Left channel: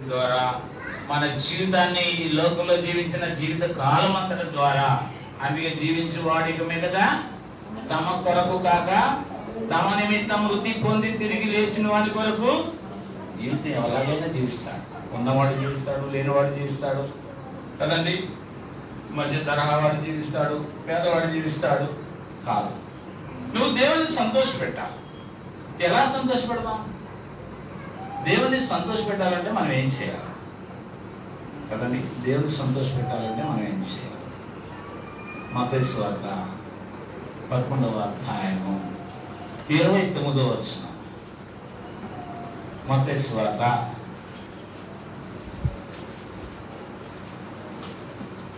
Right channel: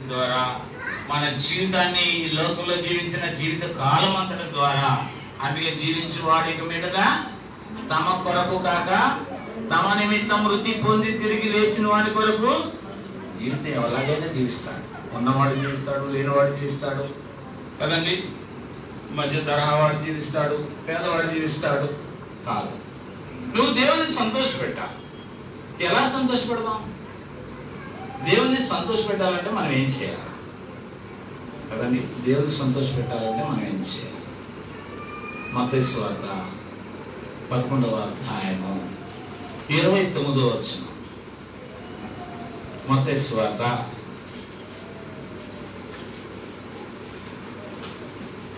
ద్వారా మన జీవితాన్ని ఈ లోకంలో జీవించిన జీవిత కాలం అంతటి ద్వారా అందుకే జీవించు వాడికి మీదగా తమ కొరకు కాక తమ నిమిత్తం మృతి పొంది తిరిగి లేచిన వాడి కొరకు జీవితం ఎలాగైనా జీవిస్తాడు. ఉన్నవాడు జీవిస్తాడు, లేనివాడు జీవిస్తాడు కదండి. మధ్య తరహా వాడు జీవిస్తాడు, పేదవాడు జీవిస్తాడు. కాదు, నువ్వు దేవుని సంతోషపెట్టాలి. ఎలా సంతోషపెడతాం? దేవుని సంతోషపెట్టాలంటే మనం ఏం చేయాలి కదండి? దేవుని సంతోషపెట్టాలంటే మనం ఏం చేయాలి? మత్తయి సువార్త 11వ అధ్యాయము 29వ వచనం. మత్తయి సువార్త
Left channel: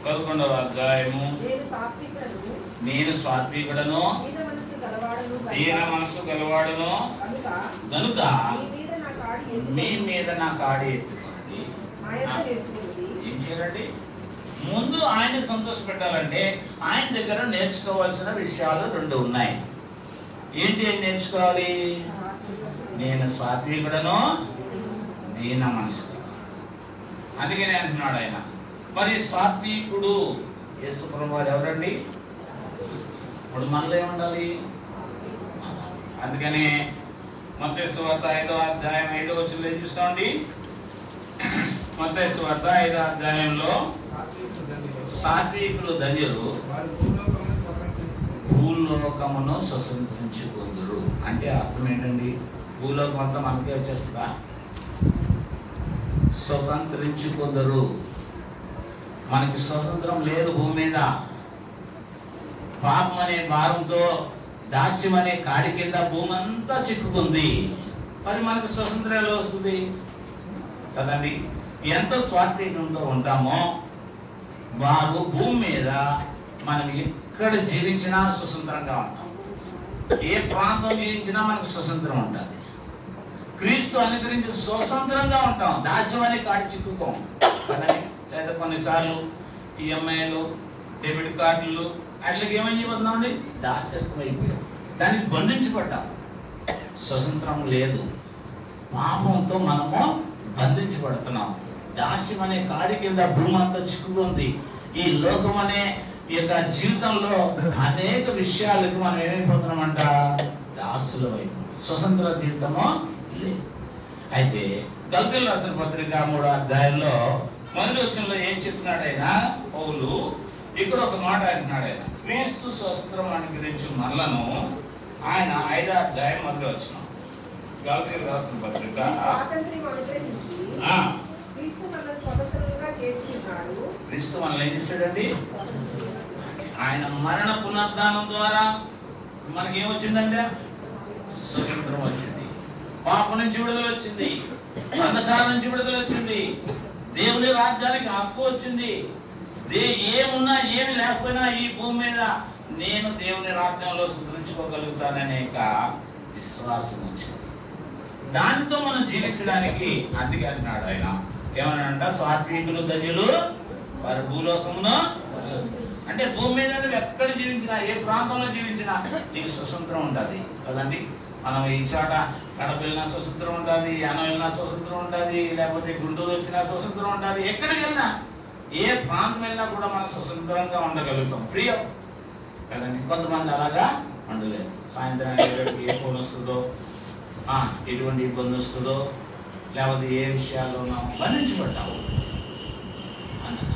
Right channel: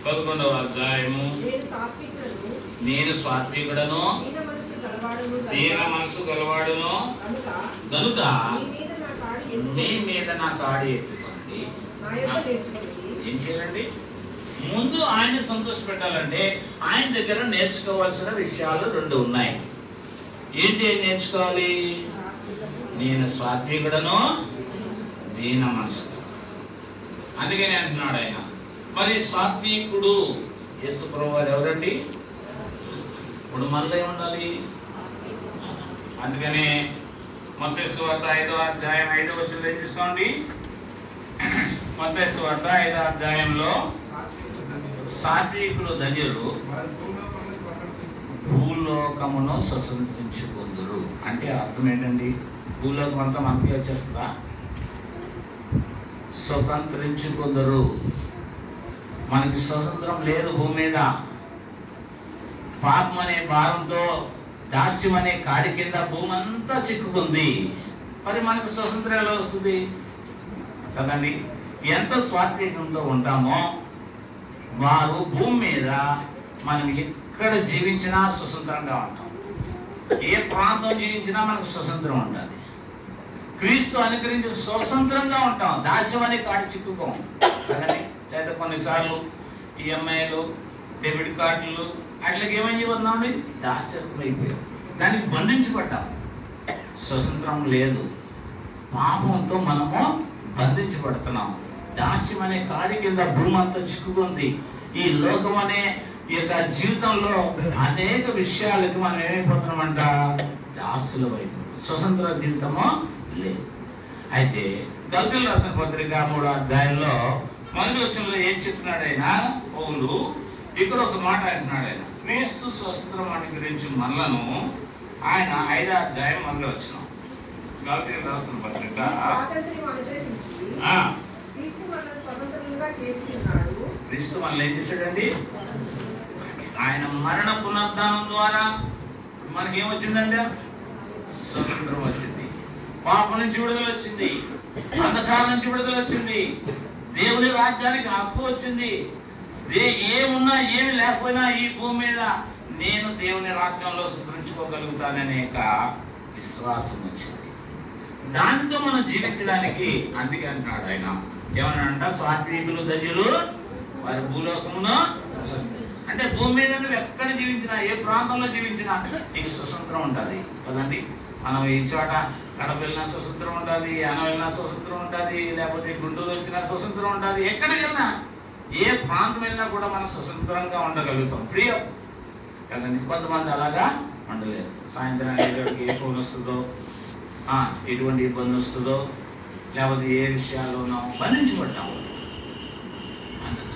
11వ అధ్యాయము. నేను సాత్వికుడను, దీన మనసు గలవాడును గనుక మీ మీద నా కాడి ఎత్తుకోండి. ఏం చేయాలండి? ముందు ఆయన సంతోష పెట్టాలంటే ఆయన దగ్గర నేర్చుకోవాల్సిన విషయాలు 2 ఉన్నాయి. ఏంటి నేర్చుకోవాలి? నేను సాత్వికుడను, దీన మనసు. అందుకని అంటున్నాడు ఆయన. మరి సాత్వికుడు యేసు ప్రభువు వారు ఎవరండి? ఇప్పుడు మనలో ఉండాలి. అందుకనే మత్తయి సువార్త 5వ అధ్యాయం 5వ వచనంలో ఏం చూస్తామండి? మత్తయి సువార్త 5వ అధ్యాయంలో సాత్వికులు ధన్యులు భూలోకమును స్వతంత్రించుకొందురు అంటే అర్థం ఏంటండి? భూలోకం అంతా మనకే వచ్చేస్తుందా? స్వతంత్రించుకొందురు. మనకి స్వతంత్రం లేదు భూమి మీద. పాపం అనే భారంతో దాస్యం అనే కాడి కింద భూమి అంతా చిక్కుకుంది. మరి మనకు స్వతంత్రం ఎలా వస్తుంది కదండి? ఎంత స్వాత్వికంతో ఉంటామో వారు భూమి మీద మనం ఎక్కడ జీవించినా స్వతంత్రంగా ఉంటాం. ఏ ప్రాంతం జీవించినా మనకు స్వతంత్రం ఉంటుంది. క్రీస్తు అనుకరించి స్వతంత్రంగా ఉంటాం. దాస్యం అనే కాడి చిక్కుకోం కదండి. లేదా కొన్నిసార్లు ఈఎంఐలు, డెబిట్ కార్డులు అట్లకి ఏమని వద్దామండి? దాస్యం అయిపోయాం, దానికి బంధించబడ్డాం. స్వతంత్రం లేదు. పాపంతో మనము బంధించబడుతున్నాం. దాస్యం అనే కాడి కింద భూమి అంతా చిక్కుకుంది. ఈ లోకం అనే ఈ యొక్క జీవితంలో అనేక విషయాలకి మనం ఏమైపోతున్నామంట? దాసుల వైపు. స్వతంత్ర జీవితము లేదు. అయితే గల్తీయులు రాసిన పత్రిక 3వ అధ్యాయంలో 1వ వచనంలో ఏం చెప్తున్నాడు ఆయన? పౌలు ఇక్కడ ఒక మాట అంటున్నాడు ఆయన. క్రీస్తు స్వతంత్రం అనుగ్రహించిన మనలను ఆయన 5వ అధ్యాయం 1వ వచనం. గల్తీయులు రాసిన పత్రిక క్రీస్తు మనల్ని ఏం చేశాడండి? ఆయన మరణ పునరుద్ధానం ద్వారా మనకేమొచ్చిందంటే స్వతంత్రం వచ్చింది. పాపం నుంచి విడుదల వచ్చింది. అంధకారం నుంచి విడుదల వచ్చింది. దేవుని రాజ్యానికి హక్కు వచ్చింది. ఏమున్నా ఏమి లేకపోయినా ఈ భూమి మీద నేను దేవుని రాజ్యంలో సుధరించుకోగలుగుతాననే విశ్వాసం వచ్చింది. దానితో మనం జీవించడానికి అందుకే అంటున్నాడు ఆయన. ఏమన్నాడంట? సాత్వికులు ధన్యులు వారి భూలోకమును. అంటే భూమి మీద నువ్వు ఎక్కడ జీవించినా, ఏ ప్రాంతంలో జీవించినా నీకు స్వతంత్రం ఉంటుంది కదండి. మనం ఈ చోట కడప వెళ్ళినా స్వతంత్రం ఉంటుంది, అనం వెళ్ళినా స్వతంత్రం ఉంటుంది, లేకపోతే గుంటూరు వచ్చినా స్వతంత్రం ఉంటుంది. ఎక్కడికి వెళ్ళినా, ఏ ప్రాంతం వెళ్ళినా కూడా మనం స్వతంత్రంగా ఉండగలుగుతాం. ఫ్రీగా కదండి. కొంతమంది అలాగా ఉండలేదు. సాయంత్రానికి ఏ ఫోన్ వస్తుందో, ఎటువంటి ఇబ్బంది వస్తుందో, లేకపోతే ఏ విషయాల్లో ఉన్నాం బంధించబడ్డాము. అందుకని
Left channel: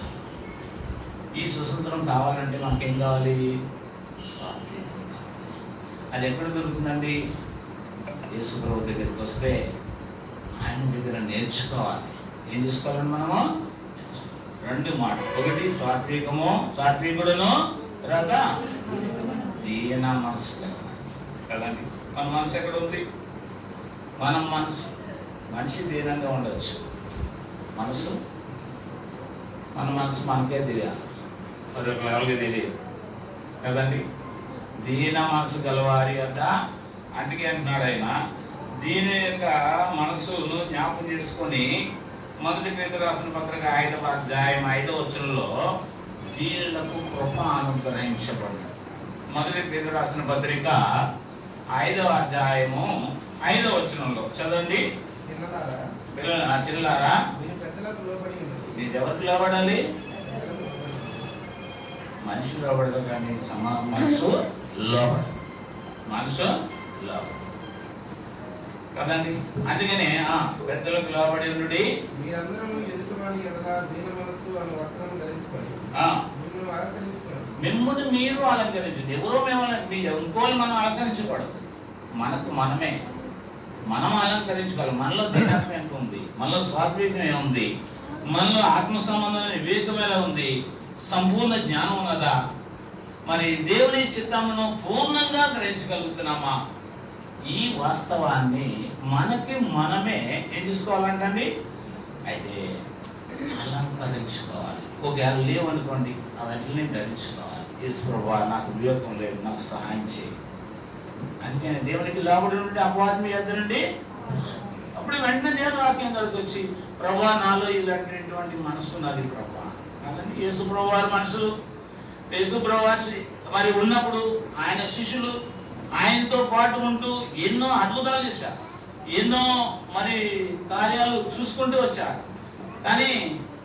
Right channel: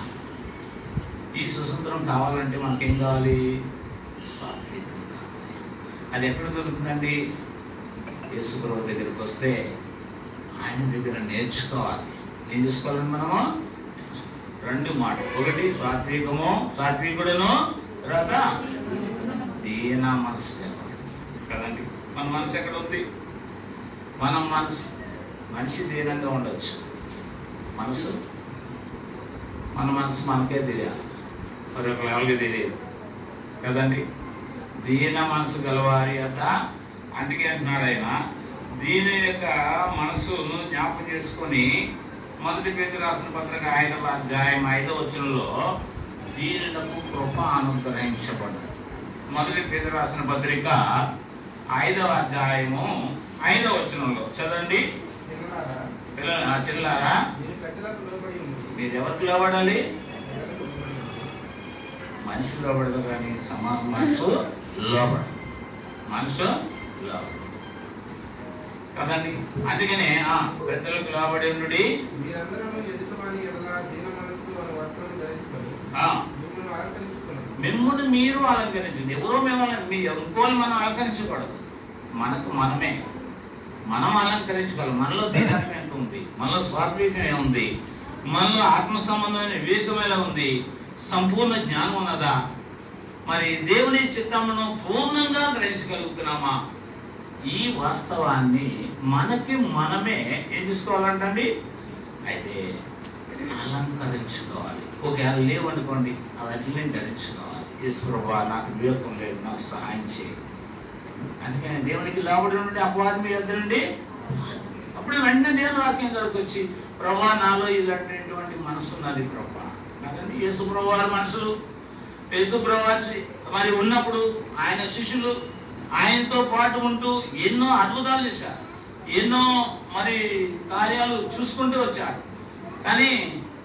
ఈ స్వతంత్రం కావాలంటే మనకేం కావాలి? స్వాతంత్రం కావాలి. అది ఎక్కడ దొరుకుతుందండి? యేసు ప్రభువు దగ్గరికి వస్తే ఆయన దగ్గర నేర్చుకోవాలి. ఏం చేసుకోవాలండి మనము? 2 మాటలు. ఒకటి సాత్వికము, సాత్వికుడును, తర్వాత దీన మనసు కదండి. మన మనసు ఎక్కడ ఉంది? మనిషి దీనంగా ఉండొచ్చు. మన మనసు మనకే తెలియాలి, మరి ఒక లెవెల్కి తెలియదు కదండి. దీన మనసు గలవారి యొక్క అందుకే అంటున్నాడు ఆయన. దీని యొక్క మనసును జ్ఞాపకం చేసుకొని 1 పేతురు రాసిన పత్రిక 5వ అధ్యాయం 5వ వచనంలో దీనులకు కృప అనుగ్రహించబడు. 1 పేతురు రాసిన పత్రిక 5వ అధ్యాయము 5వ వచనంలో చదవండి. చిల్లారా మీరు ఎవరికి లోబడాలి? మనిషి లోబడదు కానీ మనసు లోబడదు. మనసు లోబడదు కదండి. అందుకనే పెద్దలకు లోబడి మిమ్మల్ని మీరు అలంకరించండి. ఎవరో ఇంకోళ్ళు మనం అలంకరించకూడదు. మనం అలంకరించుకోవాలి. మనలో దివ్యత్వం ఎంత ఉంది, మనలో స్వాత్వికం ఏముంది, మనలో ఆత్మ సంబంధమైన వివేకం ఎలా ఉంది, సంపూర్ణ జ్ఞానం ఉన్నదా, మరి దేవుని చిత్తమును పూర్ణంగా గ్రహించగలుగుతున్నామా? ఈ వాస్తవాన్ని మనకి మనమే ఏం చేసుకోవాలంటండి? అయితే అలంకరించుకోవాలి. ఒకవేళ లేవనుకోండి, అవన్నీ ధరించుకోవాలి. యేసు ప్రభువా, నాకు వివేకం లేదు, నాకు సహాయం చేయి. అందుకని దేవునికి లోబడి నుండి అపవాది మీ యొద్ద నుండి, అప్పుడు వెంటనే దేవుని వాక్యం దగ్గరకు వచ్చి, ప్రభువా నాలో ఇలాంటిటువంటి మనసు ఉన్నది ప్రభువా. కాదండి, యేసు ప్రభువారి మనసు, యేసు ప్రభువారు మరి ఉన్నప్పుడు ఆయన శిష్యులు ఆయనతో పాటు ఉంటూ ఎన్నో అద్భుతాలు చేశారు, ఎన్నో మరి కార్యాలు చూసుకుంటూ వచ్చారు. కానీ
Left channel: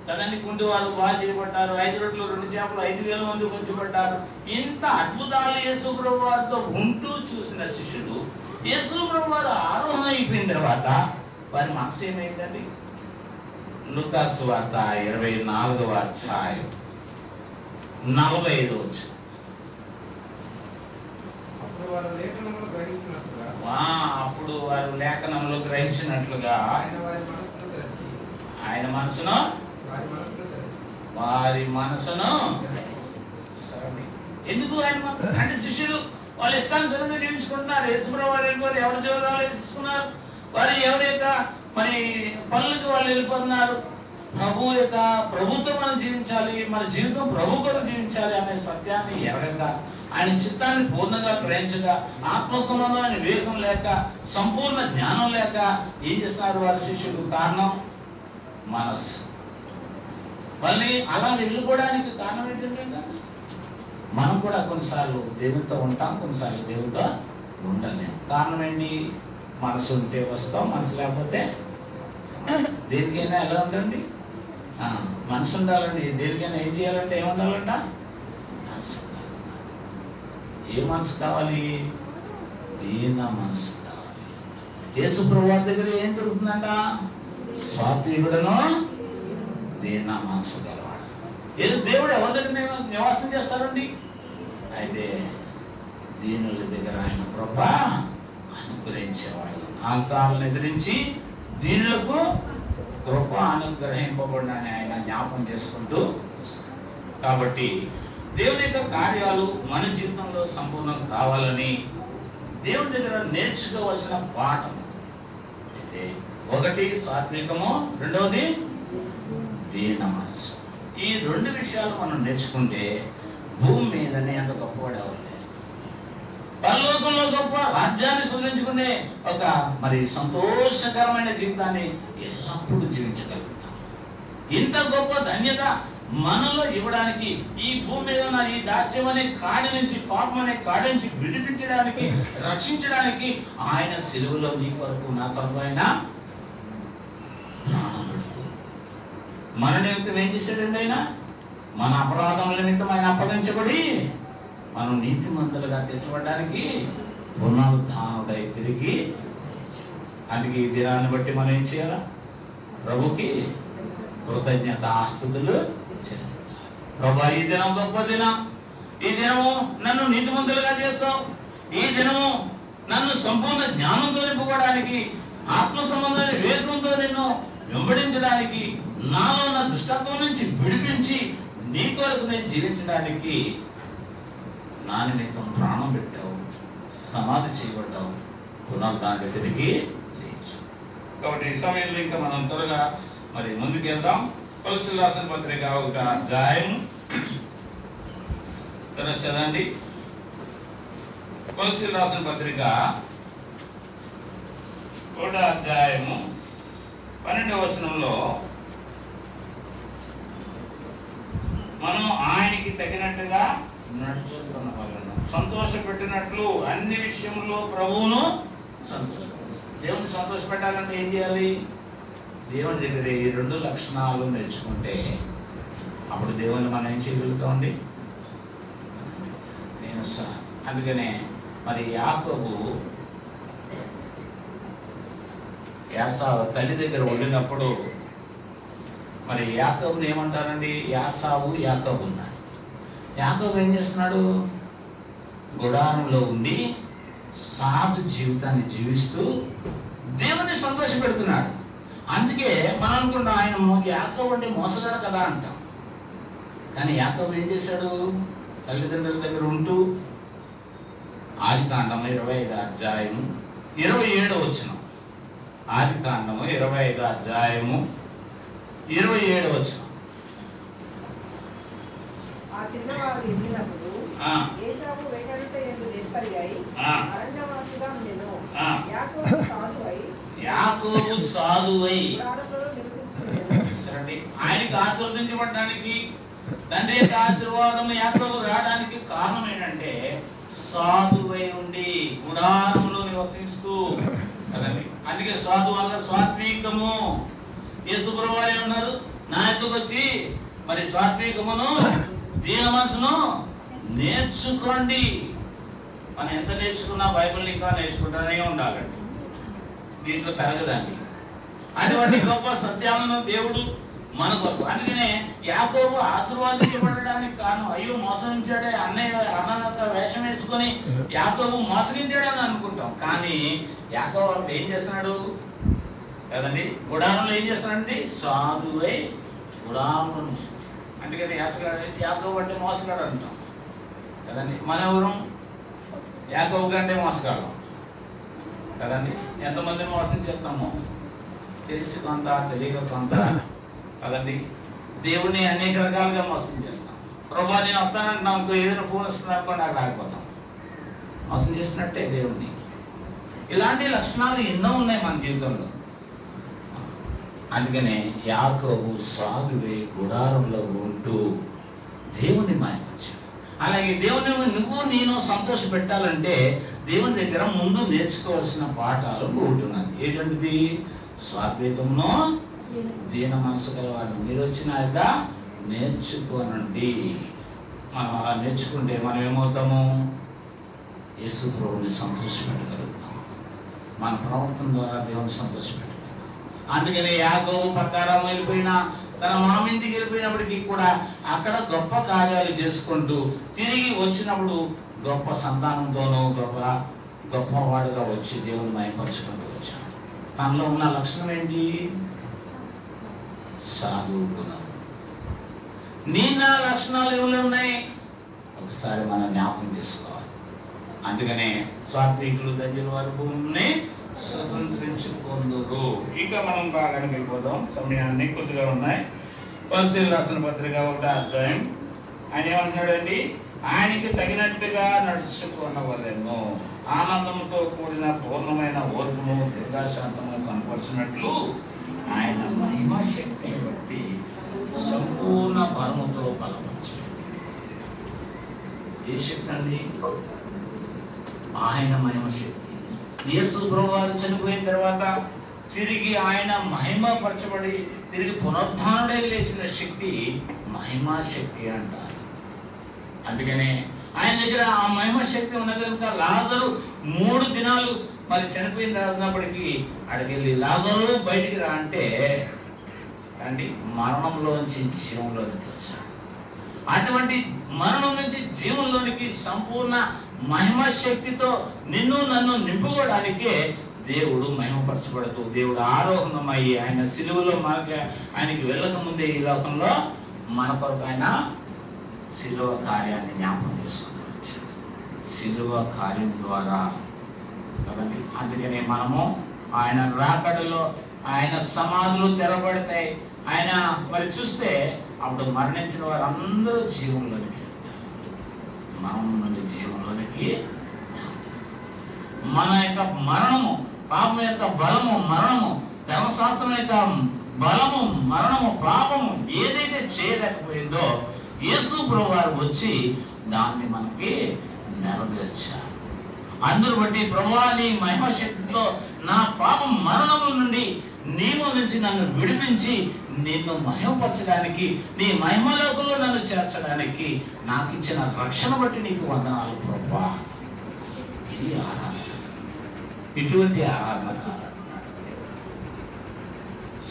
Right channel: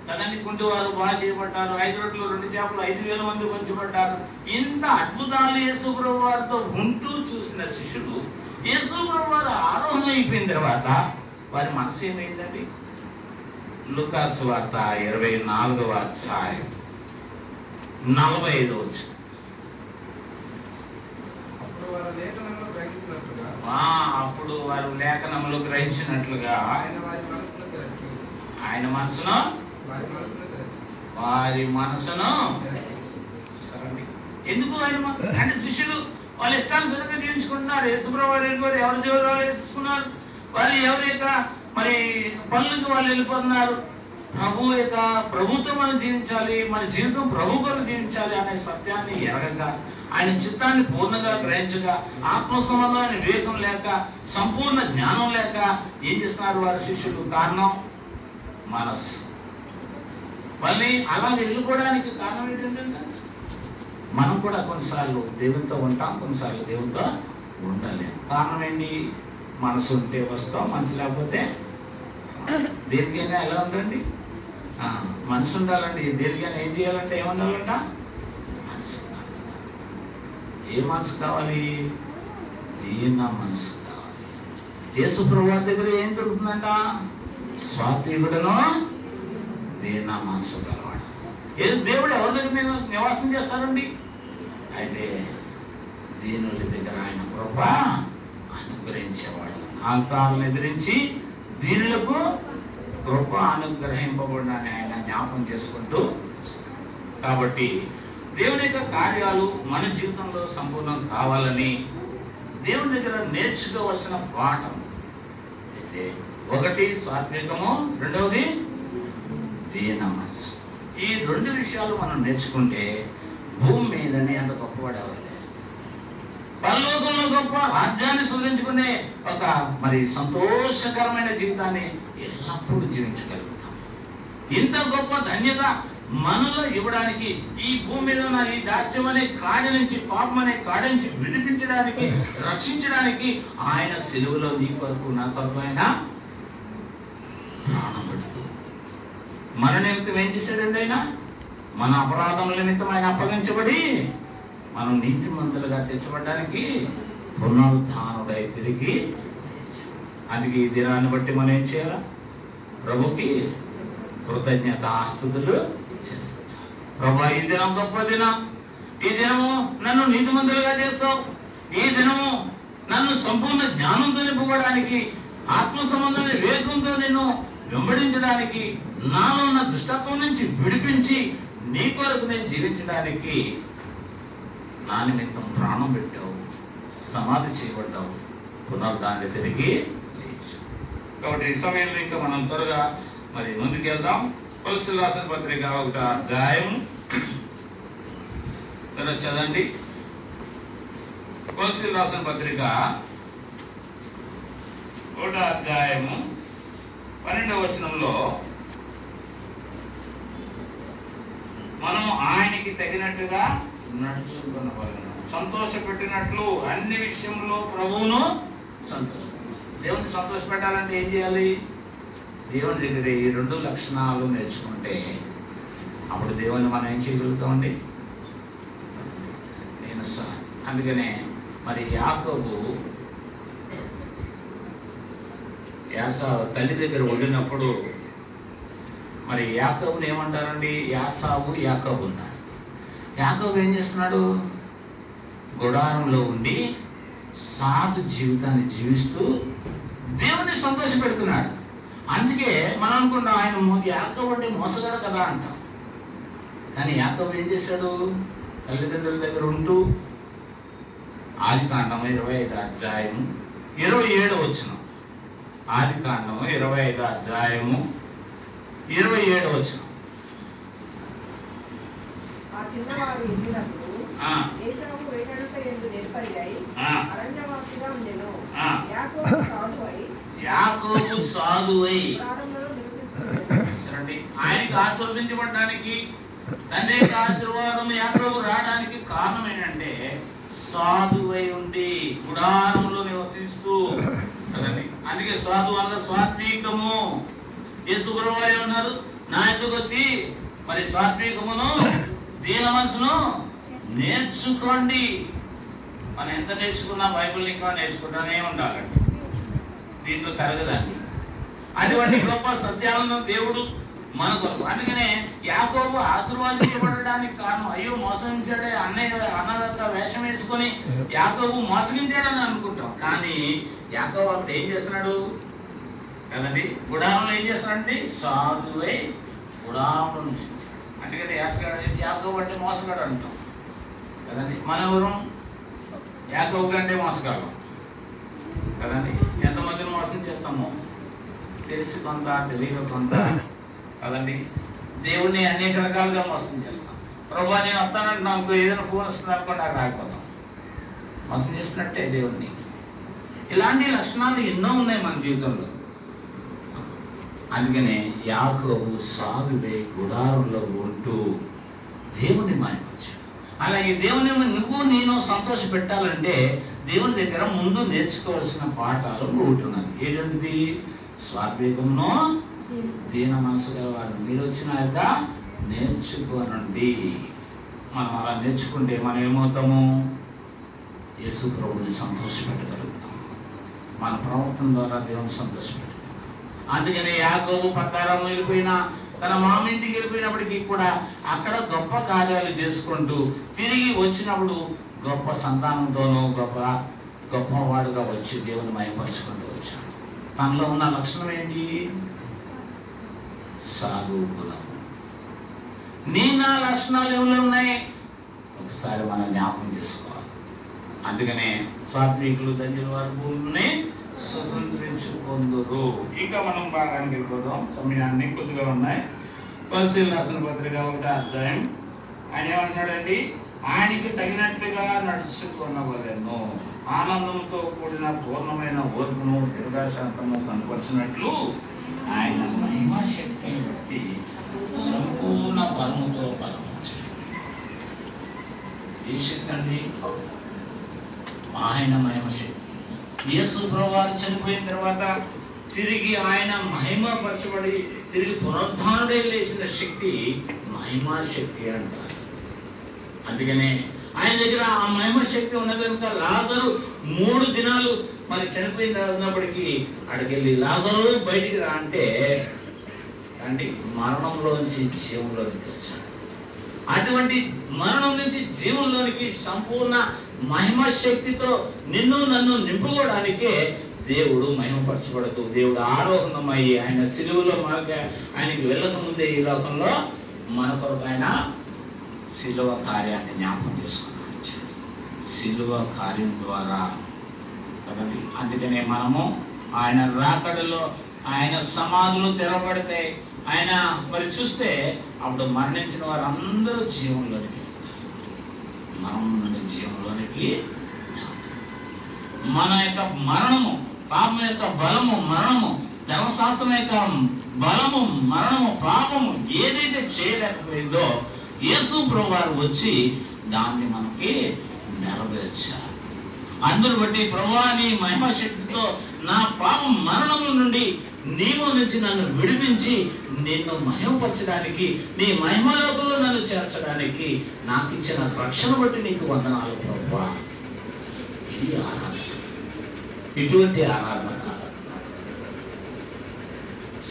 కదండి, కుంటి వారు బాగా చేయబడ్డారు, 5 రొట్టెలు 2 చేపలు 5,000 మంది పంచబడ్డారు. ఇంత అద్భుతాలు యేసు ప్రభు వారితో ఉంటూ చూసిన శిష్యులు యేసు ప్రభు వారు ఆరోహణ అయిపోయిన తర్వాత వారి మనసు ఏమైందండి? లూకాసు వార్త 24వ అధ్యాయం 45వ వచనం. అప్పుడు వారు లేఖనములు గ్రహించినట్లుగా ఆయన మనసును వారి మనసును చూసారండి. ఎందుకు ఆయన అంటే శిష్యులు వాళ్ళు ఇష్టానుసారంగా జీవించుకుంటున్నారు. యేసుప్రభువు వారు ఎవరి జీవనాలు వేసుకున్నారు, వారు ఎవరి యొక్క మరి పనులకు వాళ్ళు వెళ్ళిపోతున్నారు. ప్రభు యొక్క ప్రభుతో మనం జీవించాలి, మన జీవితం ప్రభు కొరకు జీవించాలి అనే సత్యాన్ని ఎరగగా, ఆయన చిత్తాన్ని పూర్ణంగా గ్రహించగా, ఆత్మ సంబంధమైన వివేకం లేక, సంపూర్ణ జ్ఞానం లేక ఏం చేస్తున్నారు వారి శిష్యులు? కారణం మనస్సు. మళ్ళీ అలా వెళ్ళిపోవడానికి కారణం ఏంటంటే, మనం కూడా కొన్నిసార్లు దేవునితో ఉంటాం, కొన్నిసార్లు దేవునితో ఉండలేం. కారణం ఏంటి? మనసు ఉంటే వస్తాం, మనసు లేకపోతే దేనికైనా ఎలా ఉండండి, మనసు ఉండాలండి. దేనికైనా ఏం చేయాలంటే ఏముండాలంట? మనసు. ఏ మనసు కావాలి? దీన మనసు కావాలి. యేసు ప్రభువు దగ్గర ఏం దొరుకుతుందంట? స్వాత్వికుడును దీన మనసు గలవాడు. దేవుడు ఎవరి దగ్గర నివాసం చేస్తారండి? అయితే దీనుల దగ్గర ఆయన కృప అనుగ్రహించేవాడు. అంతాలను ఎదిరించి దీనులకు కృప అనుగ్రహింపబడిన ఆయన జ్ఞాపకం చేసుకుంటూ. కాబట్టి దేవుని యొక్క కార్యాలు మన జీవితంలో సంపూర్ణం కావాలని దేవుని దగ్గర నేర్చుకోవలసిన పాఠం అయితే, ఒకటి సాత్వికము, రెండవది దీన మనసు. ఈ 2 విషయాలు మనం నేర్చుకుంటే భూమి మీదనే అంత గొప్పవాడేవారు, పరలోకంలో గొప్ప రాజ్యాన్ని సృష్టించుకునే ఒక మరి సంతోషకరమైన జీవితాన్ని ఎల్లప్పుడూ జీవించగలుగుతాం. ఇంత గొప్ప ధన్యత మనలో ఇవ్వడానికి, ఈ భూమి మీద ఉన్న ఈ దాస్యం అనే కాడి నుంచి, పాపం అనే కాడి నుంచి విడిపించడానికి, రక్షించడానికి ఆయన సిలువలో నీ కొరకు నా కొరకు ఆయన ప్రాణం పెడుతూ మన నిమిత్తం ఏం చేశాడండి? ఆయన మన అపరాధముల నిమిత్తం ఆయన అప్పగించబడి మనం నీతిమంతులుగా తెచ్చబడడానికి పునరుద్ధానుడై తిరిగి. అందుకే ఈ దినాన్ని బట్టి మనం ఏం చేయాలా? ప్రభుకి కృతజ్ఞతాస్తుతులు చెల్లించాలి. ప్రభా, ఈ దినం గొప్ప దినం, ఈ దినము నన్ను నీతిమంతులుగా చేస్తావు, ఈ దినము నన్ను సంపూర్ణ జ్ఞానంతో నింపుకోవడానికి, ఆత్మ సంబంధమైన వివేకంతో నిన్ను వెంబడించడానికి, నాలో ఉన్న దుష్టత్వం నుంచి విడిపించి నీ కొరకు నేను జీవించడానికి నా నిమిత్తం ప్రాణం పెట్టావు, సమాధి చేయబడ్డావు, పునరుద్ధానుడై తిరిగి లేచి. కాబట్టి ఈ సమయంలో ఇంకా మనం త్వరగా మరి ముందుకు వెళ్దాం. కొలస్సీయులకు రాసిన పత్రిక 1వ అధ్యాయం చదవండి. కొలస్సీయులకు రాసిన పత్రిక 1వ అధ్యాయము 12వ వచనంలో, మనము ఆయనకి తగినట్టుగా నడుచుకున్న వాళ్ళను సంతోషపెట్టినట్లు అన్ని విషయంలో ప్రభువును సంతోషపెట్టాలి. దేవుని సంతోషపెట్టాలంటే ఏం చేయాలి? దేవుని దగ్గర ఈ 2 లక్షణాలు నేర్చుకుంటే అప్పుడు దేవుని మనం ఏం చేయగలుగుతామండి? అందుకనే మరి యాకోబు యాసావు తల్లి దగ్గర వండినప్పుడు మరి యాకోబుని ఏమంటారండి? యాసావు యాకోబు ఉన్నాడు. యాకోబు ఏం చేస్తున్నాడు? గుడారంలో ఉండి సాధు జీవితాన్ని జీవిస్తూ దేవుని సంతోష పెడుతున్నాడు. అందుకే మనం అనుకుంటాం ఆయన యాకోబు అంటే మోసగాడు కదా అంటాం. కానీ యాకోబు ఏం చేశాడు? తల్లిదండ్రుల దగ్గర ఉంటూ ఆదికాండము 25వ అధ్యాయము 27వ వచనం. ఆదికాండము 25వ అధ్యాయము 27వ వచనం. ఆ చిన్నవాడు ఎదిగినప్పుడు ఏసావు వేటాడుట యందు నెప్పరిగై అరణ్యవాసిగా ఉండెను. యాకోబు సాధువై గుడారములో నివసించుచుండెను. ఆయనకి ఆశీర్వదించబడడానికి, తండ్రి ఆశీర్వాదం యాకోబు రావడానికి కారణం ఏంటంటే సాధువై ఉండి గుడారములో నివసిస్తూ కదండి. అందుకే సాధు అనగా సాత్వికము. యేసు ప్రభువారు ఏమన్నారు? నా ఎద్దుకు వచ్చి మరి సాత్వికమును దీన మనసును నేర్చుకోండి. మనం ఎంత నేర్చుకున్నా బైబిల్ ఇంకా నేర్చుకుంటానే ఉండాలండి. దీంట్లో తరగదండి. అటువంటి గొప్ప సత్యాలను దేవుడు మనకు. అందుకనే యాకోబు ఆశీర్వాదించబడడానికి కారణం, అయ్యో మోసగించాడే అన్న యొక్క వేషం వేసుకొని యాకోబు మోసగించాడని అనుకుంటాం. కానీ యాకోబు అప్పుడు ఏం చేస్తున్నాడు కదండి? గుడారంలో ఏం చేస్తున్నాడండి? సాధువై గుడారంలో నివసించాడు. అందుకని యాకోబు అంటే మోసగాడు అంటాం కదండి. మన ఎవరు యాకోబు కంటే మోసగాడు కదండి. ఎంతమందిని మోసం చేస్తామో తెలిసి కొంత తెలియక కొంత కదండి. దేవుణ్ణి అనేక రకాలుగా మోసం చేస్తాం. ప్రభా నేను వస్తానంటున్నా ఇంకో ఏదైనా ఫోన్ వస్తుంది అనుకోండి, నాకు రాకపోతాం. మోసం చేసినట్టే దేవుణ్ణి. ఇలాంటి లక్షణాలు ఎన్నో ఉన్నాయి మన జీవితంలో. అందుకనే యాకోబు సాధువే గుడారంలో ఉంటూ దేవుని మాయపరిచాడు. అలాగే దేవుని నువ్వు నేను సంతోష పెట్టాలంటే దేవుని దగ్గర ముందు నేర్చుకోవాల్సిన పాఠాలు ఉంటున్నాయి. ఏంటంటిది? స్వాత్వికమును దీన మనసు గల వాళ్ళు మీరు వచ్చిన నేర్చుకోనండి. మనం అలా నేర్చుకుంటే మనం ఏమవుతాము? యేసు ప్రభువుని సంతోషపెట్టగలుగుతాం. మన ప్రవర్తన ద్వారా దేవుని సంతోషపెట్టగలుగుతాం. అందుకని యాకోబు పట్టారం వెళ్ళిపోయినా, తన మామింటికి వెళ్ళిపోయినప్పటికీ కూడా అక్కడ గొప్ప కార్యాలు చేసుకుంటూ తిరిగి వచ్చినప్పుడు గొప్ప సంతానంతోనూ గొప్పవాడుగా వచ్చి దేవుని మహిమపరుచుకుంటూ వచ్చాడు. తనలో ఉన్న లక్షణం ఏంటి? సాధు గుణం. నా లక్షణాలు ఎవరు ఉన్నాయి? ఒకసారి మనం జ్ఞాపకం చేసుకోవాలి. అందుకనే సాత్వికులు దగ్గర వారి భూమిని స్వతంత్రించుకుందరు. ఇక మనం భాగానికి వెళ్ళిపోదాం. సమయాన్ని కొద్దిగా ఉన్నాయి. కొలసీలు రాసిన పత్రిక 1వ అధ్యాయం. ఆయన ఏమంటున్నాడండి? ఆయనకి తగినట్టుగా నడుచుకున్నవలెను ఆనందంతో కూడిన పూర్ణమైన ఓర్పును దీర్ఘశాంతము కనపరిచినట్లు ఆయన మహిమా శక్తిని బట్టి సంపూర్ణ బలముతో బలపరిచాడు. ఏ శక్తి అండి? ఆయన మహిమ శక్తి. యేసు ప్రభువారు చనిపోయిన తర్వాత తిరిగి ఆయన మహిమపరచబడి తిరిగి పునరుద్ధానుడై లేచిన శక్తి మహిమా శక్తి అంటారు. అందుకనే ఆయన దగ్గర ఆ మహిమ శక్తి ఉన్నది కనుక లాజరు 3 దినాలు మరి చనిపోయినప్పటికీ అడికెళ్ళి లాజరు బయటికి రా అంటే మరణంలోంచి జీవంలోనికి వచ్చాడు. అటువంటి మరణం నుంచి జీవంలోనికి సంపూర్ణ మహిమ శక్తితో నిన్ను నన్ను నింపుకోవడానికే దేవుడు మహిమపరచబడుతూ దేవుడు ఆరోహణమయ్యి ఆయన సిలువలో ఆయనకి వెళ్ళక ముందే ఈ లోకంలో మన కొరకు ఆయన సిలువ కార్యాన్ని జ్ఞాపకం చేసుకున్నాడు. సిలువ కార్యం ద్వారా కదండి. అందుకనే మనము ఆయన రాకడలో ఆయన సమాధులు తెరబడతాయి. ఆయన మరి చూస్తే అప్పుడు మరణించిన వారు అందరూ జీవంలోనికి మనం జీవంలోనికి మన యొక్క మరణము, పాపం యొక్క బలము మరణము, ధర్మశాస్త్రం యొక్క బలము మరణము, పాపము ఏదైతే చేయలేకపోయిందో యేసు ప్రభువారు వచ్చి దాన్ని మనకి నెరవేర్చారు. అందును బట్టి ప్రభువా నీ మహిమ శక్తితో నా పాపం మరణము నుండి నీవు నుంచి నన్ను విడిపించి నిన్ను మహిమపరచడానికి, నీ మహిమలోకంలో నన్ను చేర్చడానికి నాకు ఇచ్చిన రక్షణ బట్టి నీకు వందనాలు ప్రభువా. ఇది ఆరాధన. ఇటువంటి ఆరాధన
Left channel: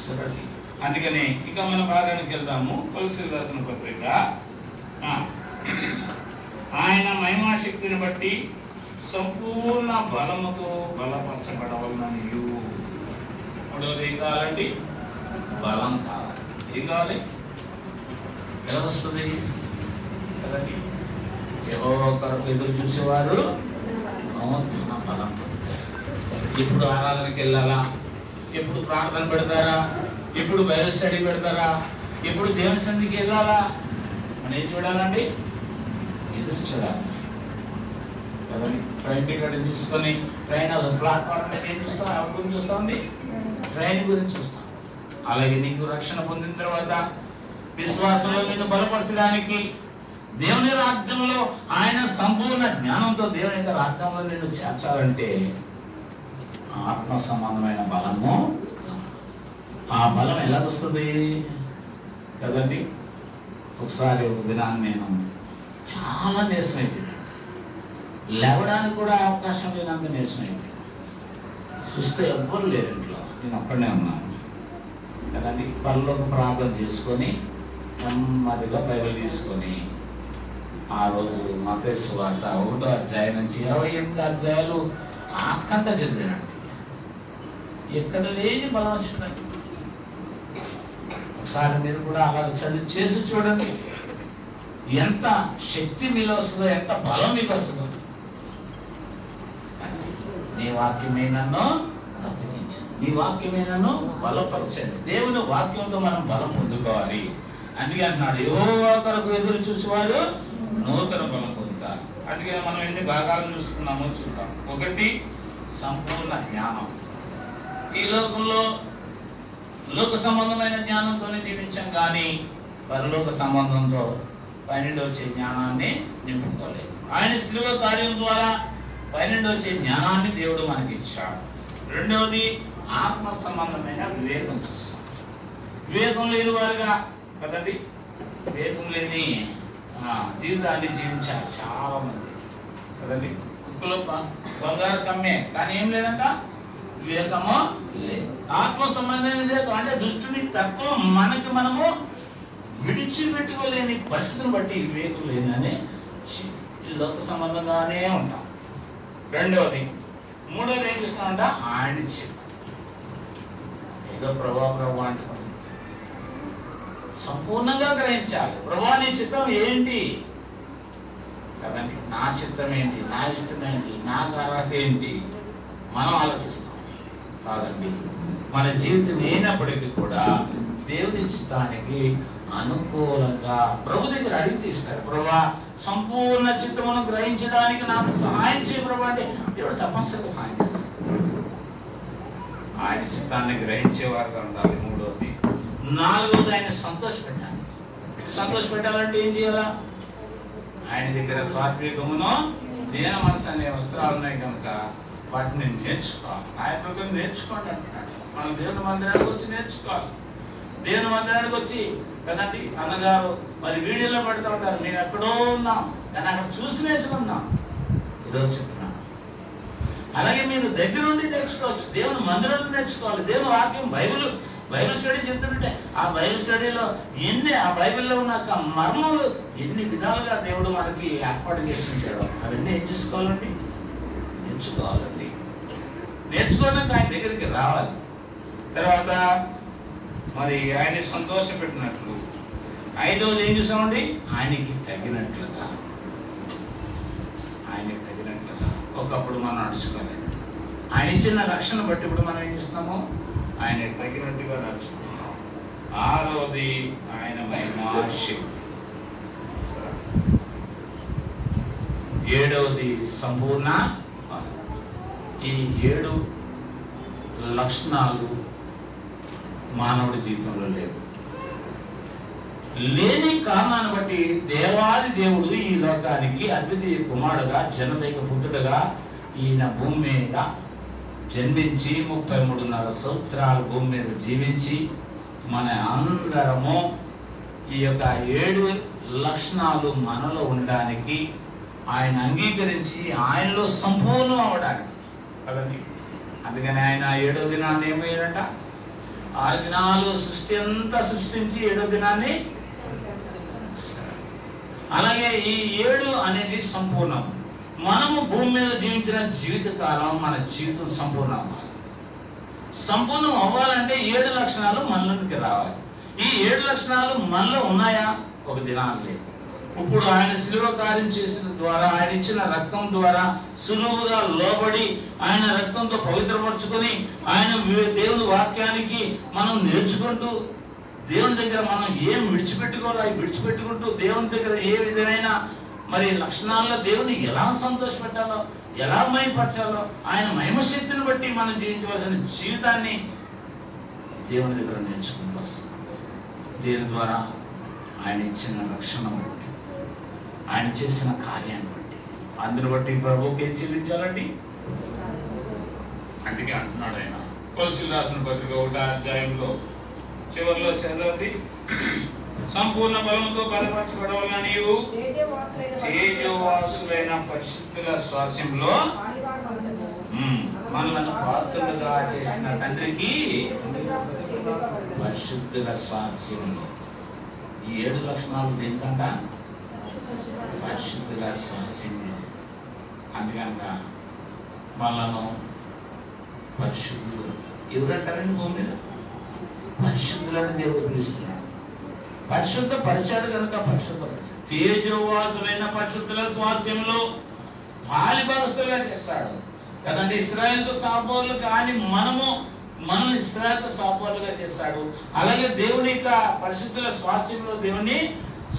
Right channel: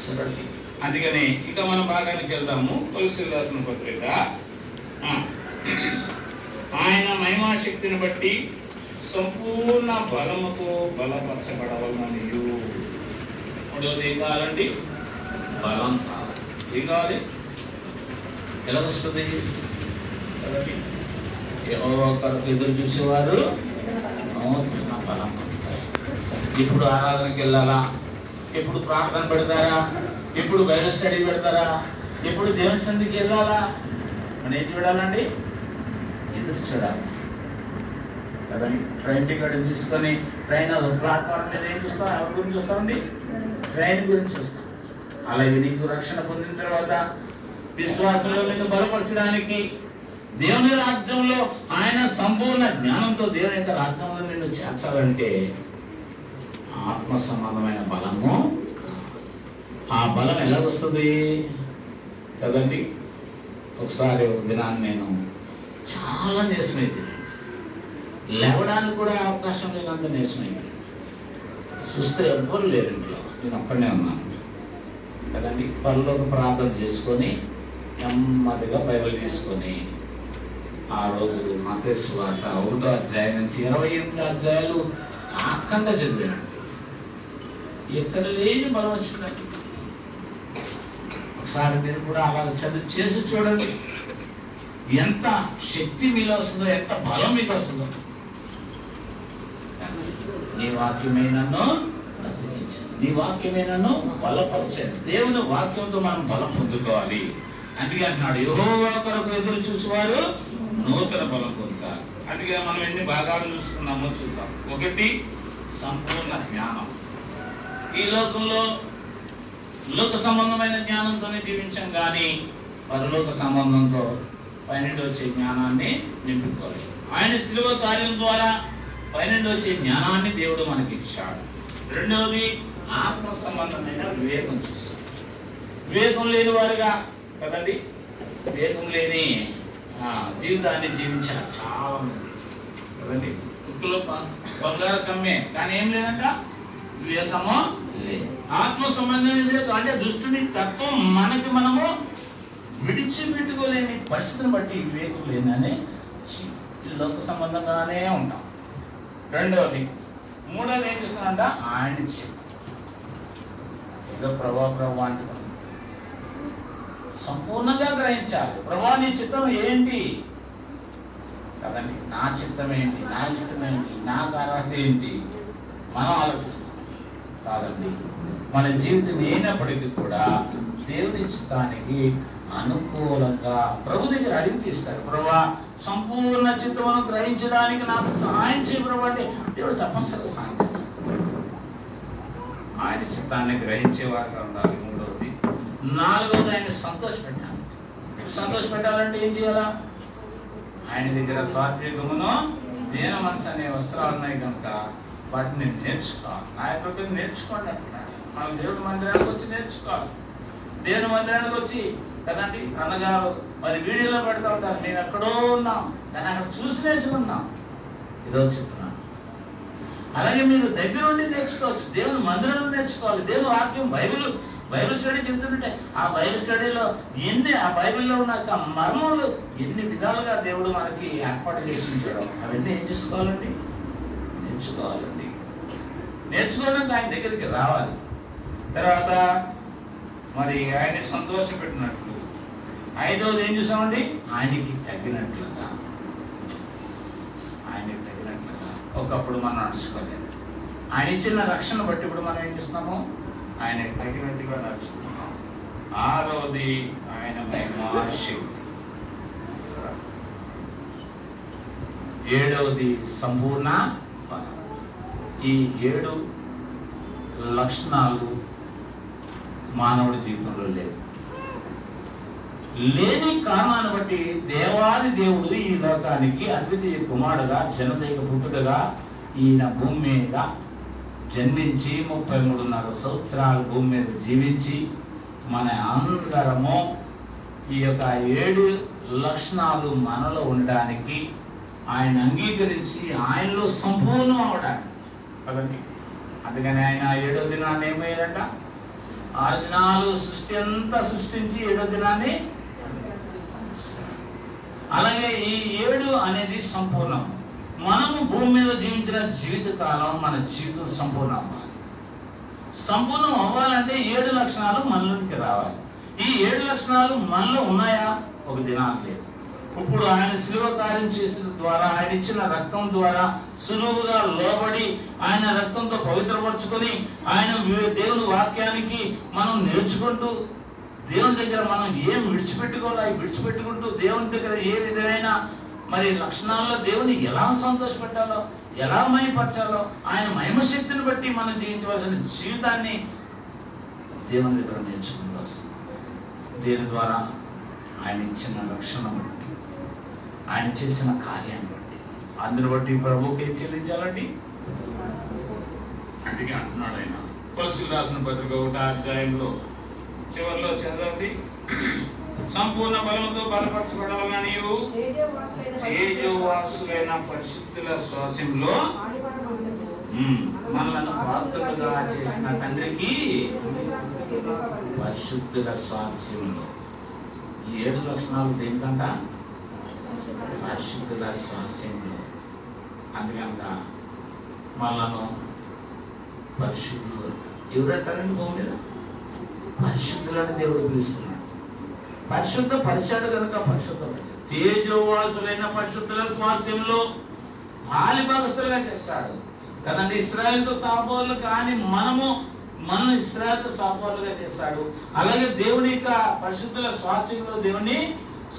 సరే. అందుకని ఇక మన భాగానికి వెళ్దాము. కొలస్సీయులకు రాసిన పత్రిక. ఆయన మహిమా శక్తిని బట్టి సంపూర్ణ బలముతో బలపరచబడవలననియు. మూడోది ఏం కావాలండి? బలం కావాలి. ఏం కావాలి? ఎలా వస్తుంది కదండి? యెహోవా కొరకు ఎదురు చూసేవారు నూతన బలం పొందుతారు. ఎప్పుడు ఆరాధనకి వెళ్ళాలా? ఎప్పుడు ప్రార్థన పెడతారా? ఎప్పుడు బైబిల్ స్టడీ పెడతారా? ఎప్పుడు దేవుని సన్నిధికి వెళ్ళాలా? మనం ఏం చూడాలండి? ఎదురు చూడాలి కదండి. ట్రైన్ టికెట్ తీసుకొని ట్రైన్ అది ప్లాట్ఫామ్ మీద ఏం చూస్తాం? ఎవరి గురించి చూస్తామండి? ట్రైన్ గురించి చూస్తాం. అలాగే నీకు రక్షణ పొందిన తర్వాత విశ్వాసంలో నిన్ను బలపరచడానికి, దేవుని రాజ్యంలో ఆయన సంపూర్ణ జ్ఞానంతో దేవుని యొక్క రాజ్యంలో నిన్ను చేర్చాలంటే ఆత్మ సంబంధమైన బలము. ఆ బలం ఎలా వస్తుంది కదండి? ఒకసారి ఒక దినాన్ని నేను చాలా నీరసం అయిపోయింది. లేవడానికి కూడా అవకాశం లేనంత నీరసం అయిపోయింది. చూస్తే ఎవ్వరు లేరు ఇంట్లో, నేను ఒక్కడనే ఉన్నాను కదండి. పనిలోకి ప్రార్థన చేసుకొని నెమ్మదిగా బైబిల్ తీసుకొని ఆ రోజు మత్తయి సువార్త 1వ అధ్యాయం నుంచి 28 అధ్యాయాలు ఆఖండ చదివానండి. ఎక్కడ లేని బలం వచ్చిందండి. ఒకసారి మీరు కూడా అలా చదివి చేసి చూడండి. ఎంత శక్తి మీలో వస్తుందో, ఎంత బలం మీకు వస్తుందో. నీ వాక్యమే నన్ను బ్రతికించండి, నీ వాక్యమే నన్ను బలపరచండి. దేవుని వాక్యంతో మనం బలం పొందుకోవాలి. అందుకే అంటున్నాడు, యెహోవా కొరకు ఎదురు చూసేవారు నూతన బలం పొందుతారు. అందుకే మనం ఎన్ని భాగాలు చూసుకున్నామో చూద్దాం. ఒకటి, సంపూర్ణ జ్ఞానం. ఈ లోకంలో లోక సంబంధమైన జ్ఞానంతోనే జీవించాం, కానీ పరలోక సంబంధంతో పైనుండి వచ్చే జ్ఞానాన్ని నింపుకోలేదు. ఆయన శిలువ కార్యం ద్వారా పైనుండి వచ్చే జ్ఞానాన్ని దేవుడు మనకి ఇచ్చాడు. రెండవది, ఆత్మ సంబంధమైన వివేకం చూస్తాం. వివేకం లేని వారుగా కదండి, వివేకం లేని జీవితాన్ని జీవించారు చాలా మంది కదండి. ఉప్పులో బంగారు కమ్మే, కానీ ఏం లేదంట, వివేకమో లేదు. ఆత్మ సంబంధమైన వివేకం అంటే దుష్టుని తత్వం మనకి మనము విడిచిపెట్టుకోలేని పరిస్థితిని బట్టి వివేకం లేదని లోక సంబంధంగానే ఉంటాం. రెండవది. మూడోది ఏం చూస్తున్నాంట, ఆయన చిత్తం. ఏదో ప్రభా అంటే సంపూర్ణంగా గ్రహించాలి. ప్రభా నీ చిత్తం ఏంటి కదండి, నా చిత్తం ఏంటి, నా ఇష్టం ఏంటి, నా అర్హత ఏంటి మనం ఆలోచిస్తాం కాదండి. మన జీవితం అయినప్పటికీ కూడా దేవుని చిత్తానికి అనుకూలంగా ప్రభు దగ్గర అడిగి తీస్తాడు. ప్రభా సంపూర్ణ చిత్తమును గ్రహించడానికి నాకు సహాయం చేయ ప్రభు అంటే దేవుడు తప్పనిసరిగా సహాయం చేస్తాడు. ఆయన చిత్తాన్ని గ్రహించేవారుగా ఉండాలి. మూడవది. నాలుగవది, ఆయన సంతోషపెట్టాలి. సంతోషపెట్టాలంటే ఏం చేయాలా? ఆయన దగ్గర సాత్వికమును దీన మనసు అనే వస్త్రాలు ఉన్నాయి కనుక వాటిని నేర్చుకోవాలి. ఆయన దగ్గర నేర్చుకోండి అంటున్నాడు. మనం దేవుని మందిరానికి వచ్చి నేర్చుకోవాలి. దేవుని మందిరానికి వచ్చి కదండి, అన్నగారు మరి వీడియోలో పెడతా ఉంటారు, నేను ఎక్కడో ఉన్నాం కానీ అక్కడ చూసి నేర్చుకున్నాం. ఈరోజు చెప్తున్నాను. అలాగే మీరు దగ్గర ఉండి నేర్చుకోవచ్చు. దేవుని మందిరంలో నేర్చుకోవాలి. దేవుని వాక్యం బైబిల్ స్టడీ చెప్తుంటే ఆ బైబిల్ స్టడీలో ఆ బైబిల్లో ఉన్న మర్మములు ఎన్ని విధాలుగా దేవుడు మనకి ఏర్పాటు చేసి ఉంచాడు. అవన్నీ ఏం చేసుకోవాలండి? నేర్చుకోవాలండి. నేర్చుకోవడానికి ఆయన దగ్గరికి రావాలి. తర్వాత మరి ఆయన్ని సంతోషపెట్టినట్లు. ఐదవది ఏం చూసామండి? ఆయనకి తగినట్లుగా. ఒకప్పుడు మనం నడుచుకోలేదు. ఆయన ఇచ్చిన రక్షణ బట్టి ఇప్పుడు మనం ఏం చేస్తున్నాము? ఆయనకి తగినట్టుగా నడుచుకుంటున్నాం. ఆరవది, ఆయన మహిమా శక్తి. ఏడవది, సంపూర్ణ బలం. ఈ 7 లక్షణాలు మానవుడి జీవితంలో లేని కారణాన్ని బట్టి దేవాది దేవుడు ఈ లోకానికి అద్వితీయ కుమారుడుగా జనతకి పుట్టుకగా ఈయన భూమి మీద జన్మించి 33.5 సంవత్సరాలు భూమి మీద జీవించి మన అందరము ఈ యొక్క 7 లక్షణాలు మనలో ఉండడానికి, ఆయన అంగీకరించి ఆయనలో సంపూర్ణం అవడానికి కదండి. అందుకని ఆయన 7వ దినాన్ని ఏమయ్యాడంట? 6 దినాలు సృష్టి అంతా సృష్టించి 7వ దినాన్ని, అలాగే ఈ 7 అనేది సంపూర్ణం. మనము భూమి మీద జీవించిన జీవితకాలం మన జీవితం సంపూర్ణం అవ్వాలి. సంపూర్ణం అవ్వాలంటే 7 లక్షణాలు మనలోనికి రావాలి. ఈ 7 లక్షణాలు మనలో ఉన్నాయా? ఒక దినాలు లేదు. ఇప్పుడు ఆయన శిలువ కార్యం చేసిన ద్వారా, ఆయన ఇచ్చిన రక్తం ద్వారా సులువుగా లోబడి ఆయన రక్తంతో పవిత్రపరచుకొని ఆయన దేవుని వాక్యానికి మనం నేర్చుకుంటూ, దేవుని దగ్గర మనం ఏం విడిచిపెట్టుకోవాలో అవి విడిచిపెట్టుకుంటూ, దేవుని దగ్గర ఏ విధమైన మరి లక్షణాల్లో దేవుని ఎలా సంతోషపెట్టాలో, ఎలా మహిమపరచాలో, ఆయన మహిమ శక్తిని బట్టి మనం జీవించవలసిన జీవితాన్ని దేవుని దగ్గర నేర్చుకుంటూ వస్తుంది. దీని ద్వారా ఆయన ఇచ్చిన రక్షణ బట్టి, ఆయన చేసిన కార్యాన్ని బట్టి, అందుని బట్టి ప్రభువుకి ఏం చెల్లించాలండి? అందుకే అంటున్నాడు ఆయన కొలసీలు రాసిన పత్రిక 1వ అధ్యాయంలో చివరిలో చదవండి. సంపూర్ణ బలంతో బలపరచబడవలన నీవు తేజోవాసులైన పరిశుద్ధుల స్వాస్యంలో మనలను పాత్రులుగా చేసిన తండ్రికి పరిశుద్ధుల స్వాస్యంలో. ఈ 7 లక్షణాలు దేనికంట? పరిశుద్ధుల స్వాస్యంలో. అందుకనక మనలను పరిశుద్ధులు ఎవరంటారండి? భూమి మీద పరిశుద్ధులని దేవుడు పిలుస్తున్నాడు. పరిశుద్ధ పరిచాడు కనుక పరిశుద్ధ పరిచాడు. తేజోవాసులైన పరిశుద్ధుల స్వాస్యంలో పాలి భాగస్తులుగా చేస్తాడు కదండి. ఇశ్రాయేలుతో సహపౌరులు కానీ మనం ఇశ్రాయేలుతో సహపౌరులుగా చేస్తాడు. అలాగే దేవుని యొక్క పరిశుద్ధుల స్వాస్యంలో దేవుని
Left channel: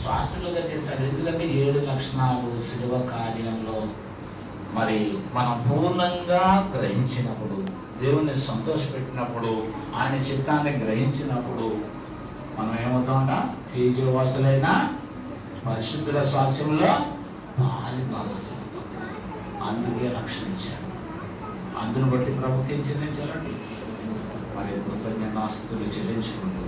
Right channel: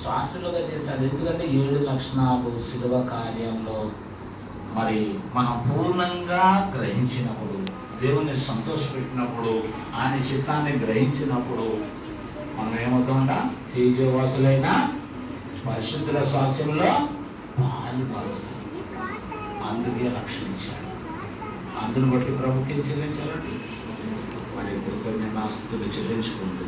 శ్వాసలుగా చేశాడు. ఎందుకంటే 7 లక్షణాలు శిలువ కార్యంలో మరి మనం పూర్ణంగా గ్రహించినప్పుడు, దేవుణ్ణి సంతోషపెట్టినప్పుడు, ఆయన చిత్తాన్ని గ్రహించినప్పుడు మనం ఏమవుతామంట? తేజోవాసులైన పరిశుద్ధుల స్వాస్యంలో పాలి భాగస్తులు. అందుకే రక్షణ ఇచ్చాడు. అందును బట్టి ప్రభుత్వం చెల్లించాలండి. మరి ఇప్పుడు కొన్ని ఆస్తులు చెల్లించుకుంటూ